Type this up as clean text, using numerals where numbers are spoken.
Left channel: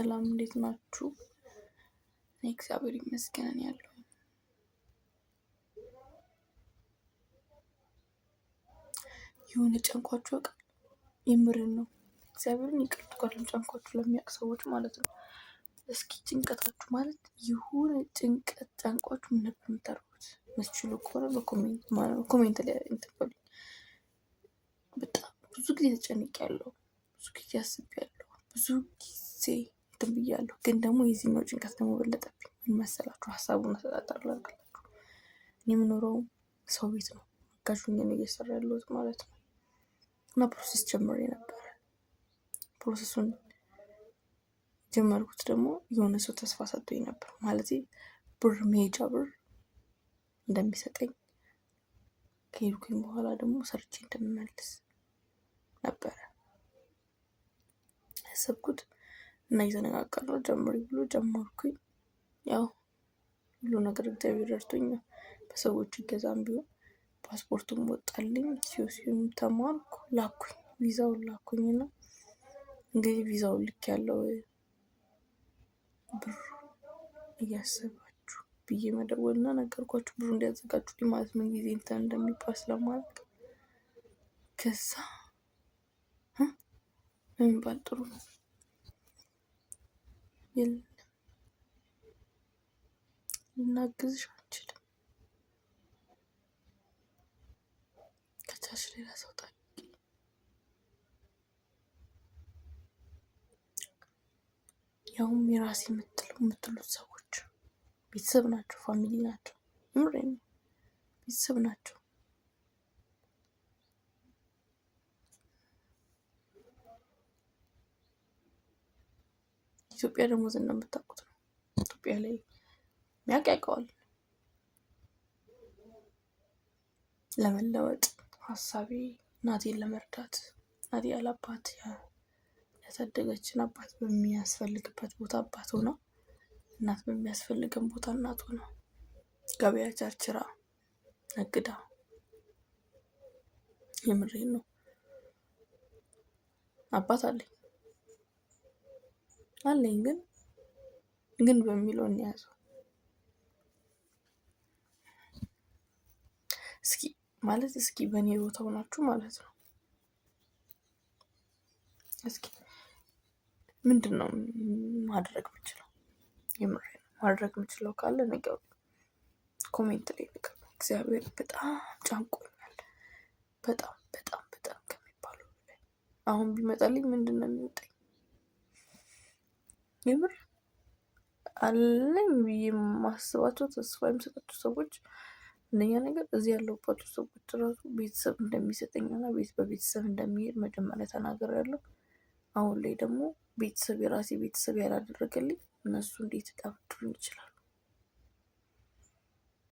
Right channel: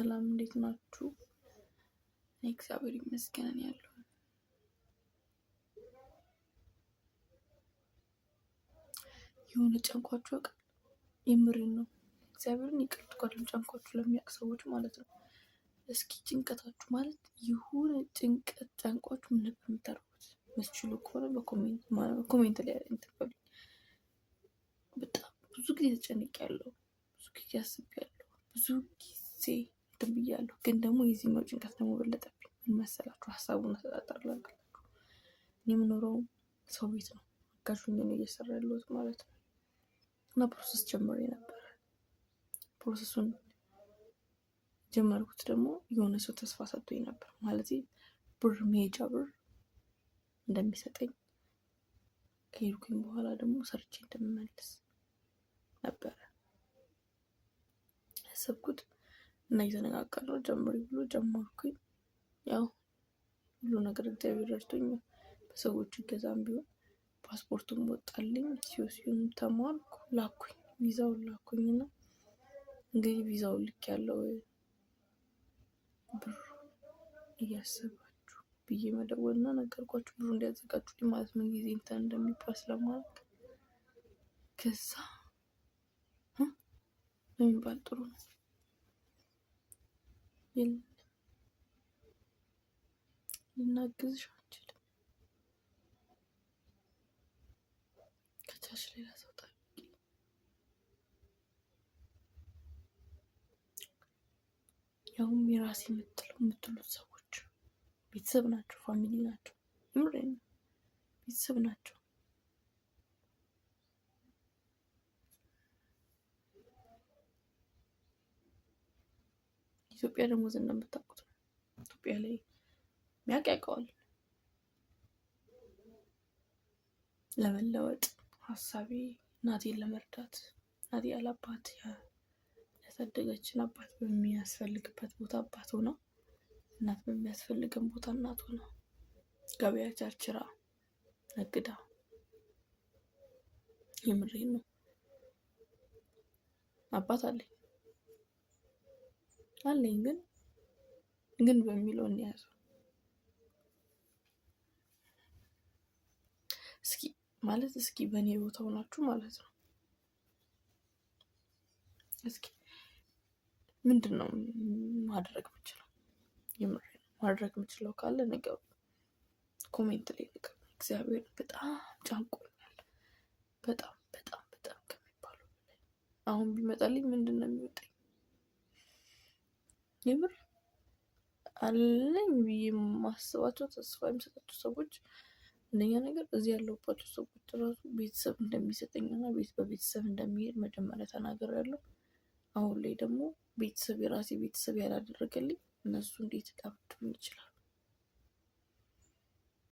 ሰላም እንዴት ናችሁ? እኔ እግዚአብሔር ይመስገን ያለው የሆነ ጨንቋችሁ አውቃል። የምርን ነው እግዚአብሔርን ይቅርታ ቃልም ጨንቋችሁ ለሚያውቅ ሰዎች ማለት ነው። እስኪ ጭንቀታችሁ ማለት የሆነ ጭንቀት ጨንቋችሁ ምን ነበር የምታደርጉት? መስችሉ ከሆነ በኮሜንት ላይ እንትበሉ። በጣም ብዙ ጊዜ ተጨንቄያለሁ፣ ብዙ ጊዜ አስቤያለሁ፣ ብዙ ጊዜ እንትን ብያለሁ። ግን ደግሞ የዚህኛው ጭንቀት ደግሞ በለጠብኝ። ምን መሰላችሁ? ሀሳቡን አሰጣጣላችሁ። እኔ የምኖረው ሰው ቤት ነው፣ አጋዥ ሆኜ ነው እየሰራ ያለሁት ማለት ነው። እና ፕሮሰስ ጀምሬ ነበረ። ፕሮሰሱን ጀመርኩት ደግሞ የሆነ ሰው ተስፋ ሰጥቶኝ ነበር። ማለት ብር መሄጃ ብር እንደሚሰጠኝ ከሄድኩኝ በኋላ ደግሞ ሰርቼ እንደምመልስ ነበረ ያሰብኩት። እና እየተነጋገርነው ጀምሪ ብሎ ጀመርኩኝ። ያው ሁሉ ነገር እግዚአብሔር ረድቶኝ በሰዎች እገዛም ቢሆን ፓስፖርቱም ወጣልኝ። ሲዩም ተማርኩ፣ ላኩኝ፣ ቪዛውን ላኩኝና እንግዲህ ቪዛውን ልክ ያለው ብር እያሰባችሁ ብዬ መደወልና ነገርኳችሁ ብሩ እንዲያዘጋጁልኝ ማለት ምን ጊዜ እንትን እንደሚባል ስለማላውቅ። ከዛ የሚባል ጥሩ ነው የለም ልናግዝሽ አንችልም፣ ከቻልሽ ሌላ ሰው ጠይቂ። ያውም የራሴ የምትሉት ሰዎች ቤተሰብ ናቸው፣ ፋሚሊ ናቸው፣ ምሬን ቤተሰብ ናቸው። ኢትዮጵያ ደግሞ እንደምታውቁት ነው። ኢትዮጵያ ላይ የሚያውቅ ያውቀዋል። ለመለወጥ ሀሳቤ እናቴን ለመርዳት፣ እናቴ ያላባት ያሳደገችን አባት በሚያስፈልግበት ቦታ አባት ሆና፣ እናት በሚያስፈልገን ቦታ እናት ሆና፣ ገበያ ቸርችራ ነግዳ፣ የምሬን ነው። አባት አለኝ ግን በሚለው እንያዘው። እስኪ በእኔ ቦታ ሆናችሁ ማለት ነው። እስኪ ምንድን ነው ማድረግ የምችለው? የምሬን ነው። ማድረግ የምችለው ካለ ነገሩ ኮሜንት ላይ ነገር። እግዚአብሔር በጣም ጫንቆኛል፣ በጣም በጣም በጣም ከሚባለው በላይ። አሁን ቢመጣልኝ ምንድን ነው የሚወጣኝ? የምር አለኝ ብዬ የማስባቸው ተስፋ የሚሰጣቸው ሰዎች እነኛ ነገር እዚህ ያለሁባቸው ሰዎች ራሱ ቤተሰብ እንደሚሰጠኝና በቤተሰብ እንደሚሄድ መጀመሪያ ተናግሬያለሁ። አሁን ላይ ደግሞ ቤተሰብ የራሴ ቤተሰብ ያላደረገልኝ እነሱ እንዴት ሊያበድሩኝ ይችላሉ?